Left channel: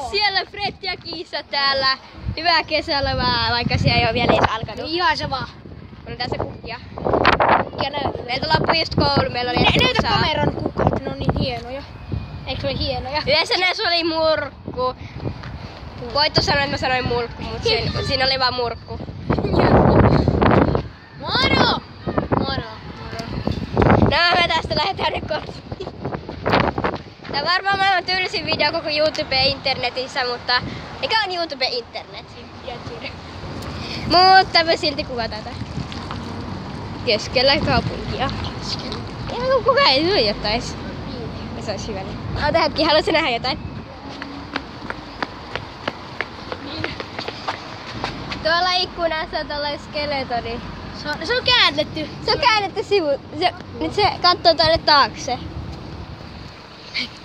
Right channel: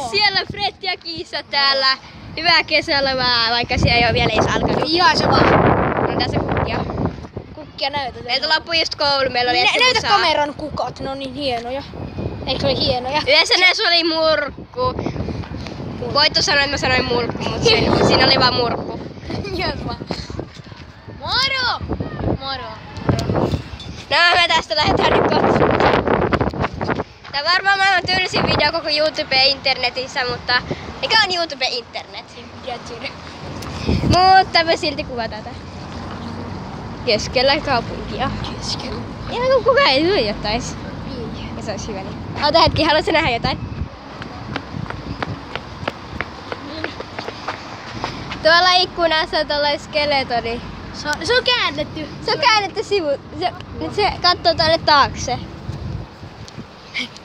siellä Fred ja Kiisa täällä. Hyvää kesälomää, vaikka siellä ei ole vielä edes alkanut. Ihan sama. No tässä kukkia. Ja näytä. Meiltä loppui just koulu, meillä oli äsken Näytä musaa. kameran kukat, ne on niin hienoja. Eikö se ole hienoja? Yhdessä näissä oli murkku. Voitto sanoi, että mä sanoin murkku, mutta siinä oli vaan murkku. Moro! Moro. No me tästä lähdetään nyt kotiin. Tää on varmaan maailman tylsin video koko YouTube-internetissä, mutta mikä on YouTube-internet? Mutta me silti kuvataan tätä. Keskellä kaupunkia. Ihan kun kukaan ei tuijottais. Ja se olisi hyvä niin. Ota hetki, haluatko nähdä jotain? Tuolla ikkunassa on tollainen skeletoni. Se on käännetty. Se on käännetty sivu. Nyt se katsoo tänne taakse.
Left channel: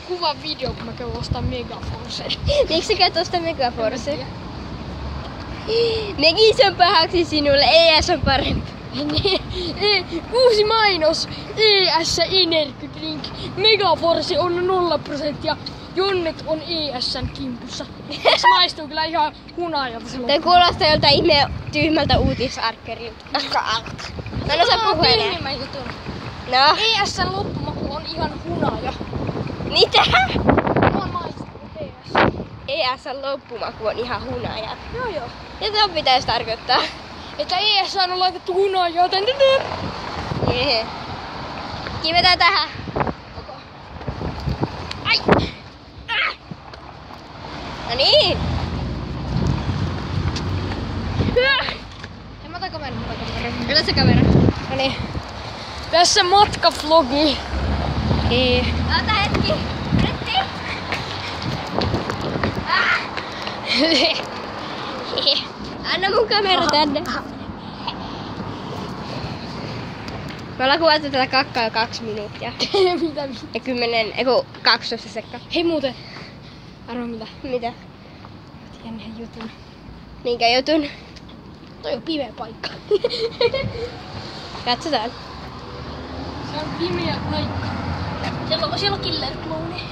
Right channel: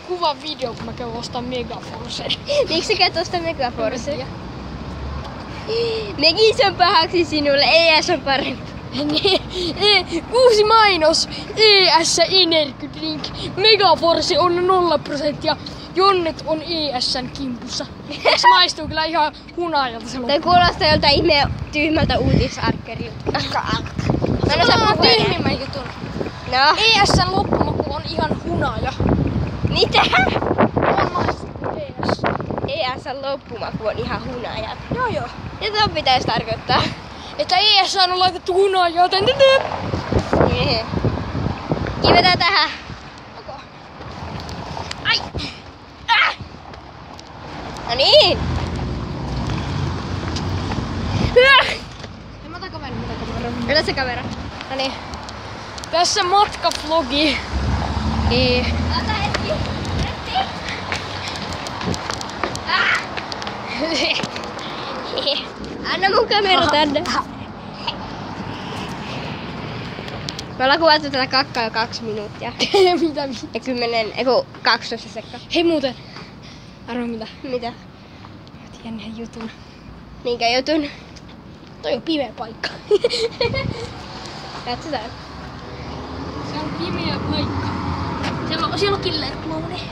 Kuva video, kun mä käyn ostaa Megaforcen. Miksi sä käyt ostaa Megaforcen? Megis on pahaksi sinulle, ES on parempi. Uusi mainos. ES Energy Drink. Megaforce on 0%. Jonnet on ES:n kimpussa. Se maistuu kyllä ihan hunajalta se loppu. Tämä kuulostaa joltain ihme tyhmältä uutisarkkerilta. Mä en osaa puhua enää. No. ES:n loppumaku on ihan hunaja. Mitä? On maistunut ES. ES:n loppumaku on ihan hunaja. Joo. Ja se pitäisi tarkoittaa. Että ES on laitettu hunajaa. Nee. Kivetään tähän. Ai! No niin! Mä otan kameran. Kyllä se kamera. No niin. Tässä matkavlogi. Ota hetki. Anna mun kamera tänne. Me ollaan kuvattu tätä kakkaa 2 minuuttia. Mitä? Ja 12 sekkaa. Hei muuten. Arvo mitä? Mitä? Jännän jutun. Minkä jutun? Toi on pimeä paikka. Katsotaan. Se on pimeä paikka. Siellä on killer clowni.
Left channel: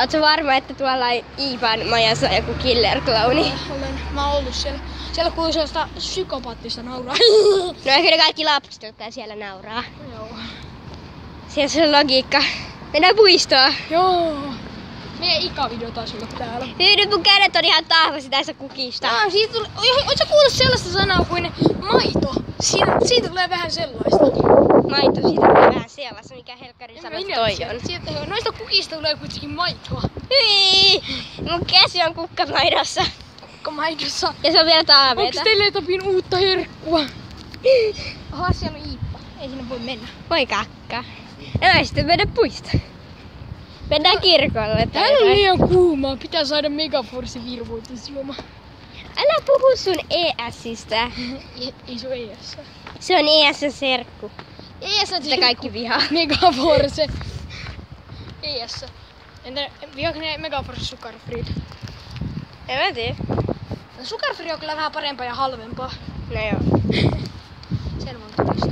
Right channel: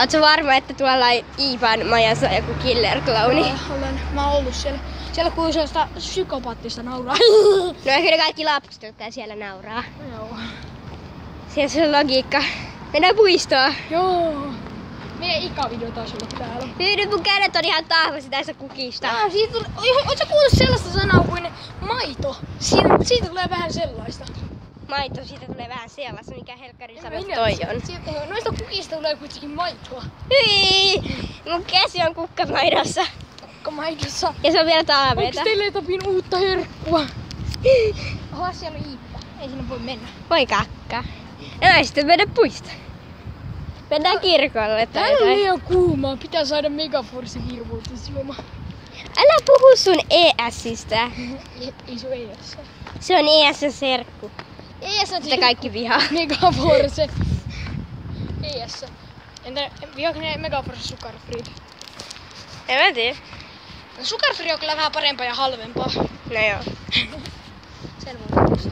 Ootko varma, että tuolla Iivan majassa on joku killer clowni? Olen. Mä oon ollut siellä. Siellä kuuluu sellaista psykopaattista nauraa. No ehkä ne kaikki lapset, jotka siellä nauraa. Joo. Siellä se on logiikka. Mennään puistoon. Joo. Meidän ikävideo taisi olla täällä. Nyt mun kädet on ihan tahvasi tässä kukista. Siitä tuli... Ootko kuullut sellaista sanaa kuin maito? Siitä tulee vähän sellaista. Maito, siitä tulee vähän sellaista, mikä helkkari sanoo toi on. Noista kukista tulee kuitenkin maitoa. Mun käsi on kukkamaidossa. Kukkamaidossa. Ja se on vielä taaveeta. Onks teille jotain uutta herkkua? Oha, siellä on Iippa. Ei sinne voi mennä. Voi kakka. No sitten mennä puistoon. Mennään kirkolle tai Tää on jotain. liian kuumaa. Pitää saada Megaforce virvoitusjuoma. Älä puhu sun ESistä. Ei se ole ES. Se on ES:n serkku. ES on Sitä kaikki vihaa. Megaforce. ES. Entä vihaako ne Megaforce Sugarfree? En mä tiedä. No Sugarfree on kyllä vähän parempaa ja halvempaa. No joo. Sen voi kysyä.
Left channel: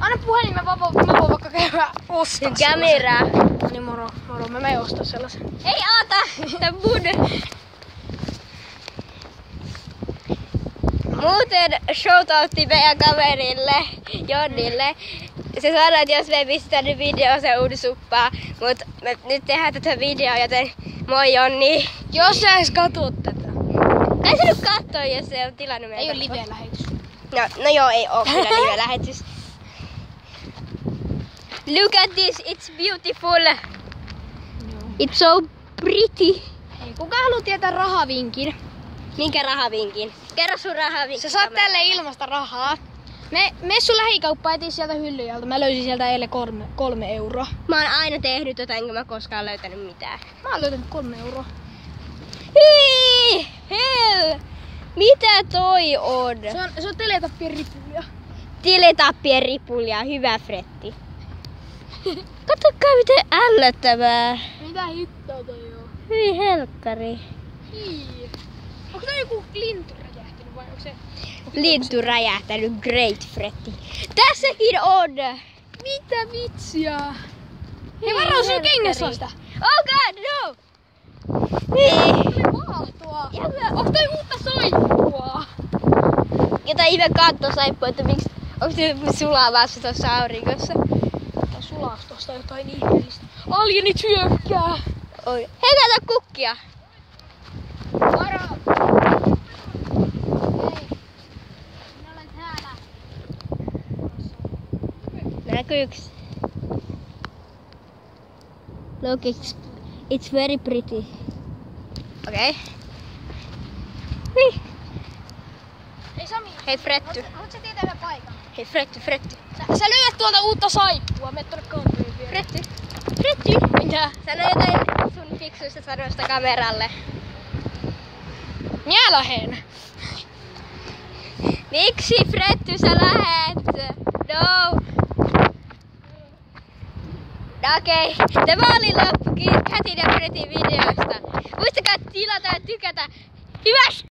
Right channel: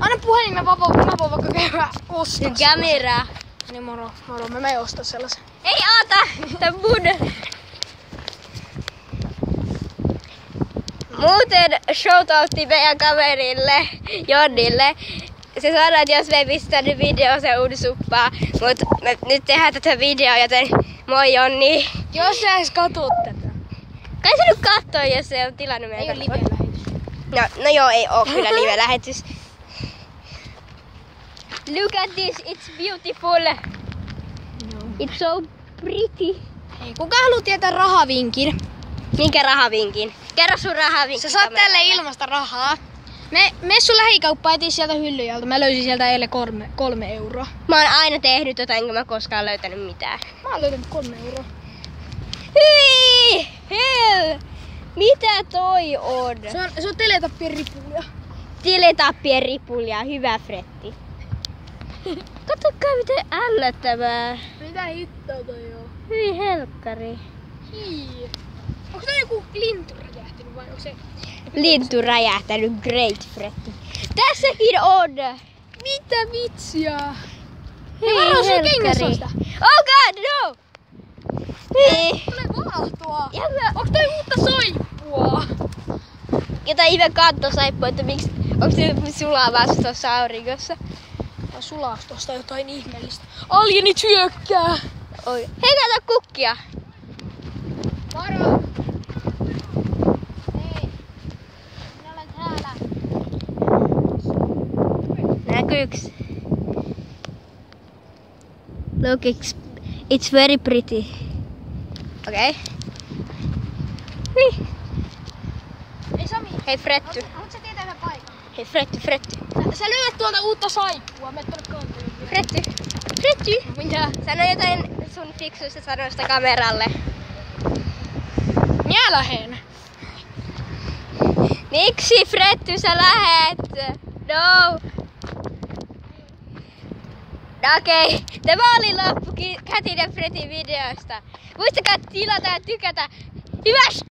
Anna puhelimen, mä voin vaikka käydä ostaa Kamera. Niin moro. Mä menen ostaa sellaisen. Ei oota! Tää mun. Muuten shoutoutti meidän kaverille, Jonnille. Se sanoi, että jos me ei pistä nyt videoon se uudisuppaa. Mut me nyt tehdään tätä videoa, joten moi Jonni. Jos sä edes katot tätä. Kai sä nyt kattoo, jos se on tilannut meidän Ei oo live-lähetys. No joo, ei oo kyllä live-lähetys. Look at this, it's beautiful. It's so pretty. Hei, kuka haluaa tietää rahavinkin? Minkä rahavinkin? Kerro sun rahavinkin. Sä saat tälle ilmasta rahaa. Me sun lähikauppaan etin sieltä hyllyjalta. Mä löysin sieltä eilen 3 euroa. Mä oon aina tehnyt tota, enkä mä koskaan löytänyt mitään. Mä oon löytänyt 3 euroa. Hyi! Hell! Mitä toi on? Se on teletappien ripulia. Teletappien ripulia, hyvä Fretti. Katsokaa miten ällöttävää. Mitä hittoa toi on? Hyi helkkari. Hii. Onko tää joku lintu räjähtynyt vai onko se... Lintu räjähtänyt, great Fretti. Tässäkin on! Mitä vitsiä? Hei varo sun helkkari. kengässä on sitä. Oh god, no! Niin. Tuli valahtoa. Onko toi uutta saippua? Jotain ihme kantosaippua, että miksi... Onko se sulaa vasta tuossa auringossa? Tai sulaaks tosta jotain ihmeellistä? Alienit hyökkää! Oi. Hei, täällä on kukkia! Varo! Hei! Minä olen täällä. Näkyyks? Look, it's very pretty. Okei. Okay. Ei Sami! Hei Fretty. Haluatko sä tietää yhden paikan? Hei Fretty. Sä löydät tuolta uutta saippua. Mene tonne konttoriin vielä. Fretty. Mitä? Sano jotain sun fiksuista sanoista kameralle. Minä lähen. Miksi Fretty sä lähet? No. Okei, tämä oli loppukin Kätin ja Fretin videoista. Muistakaa tilata ja tykätä. Hyväs!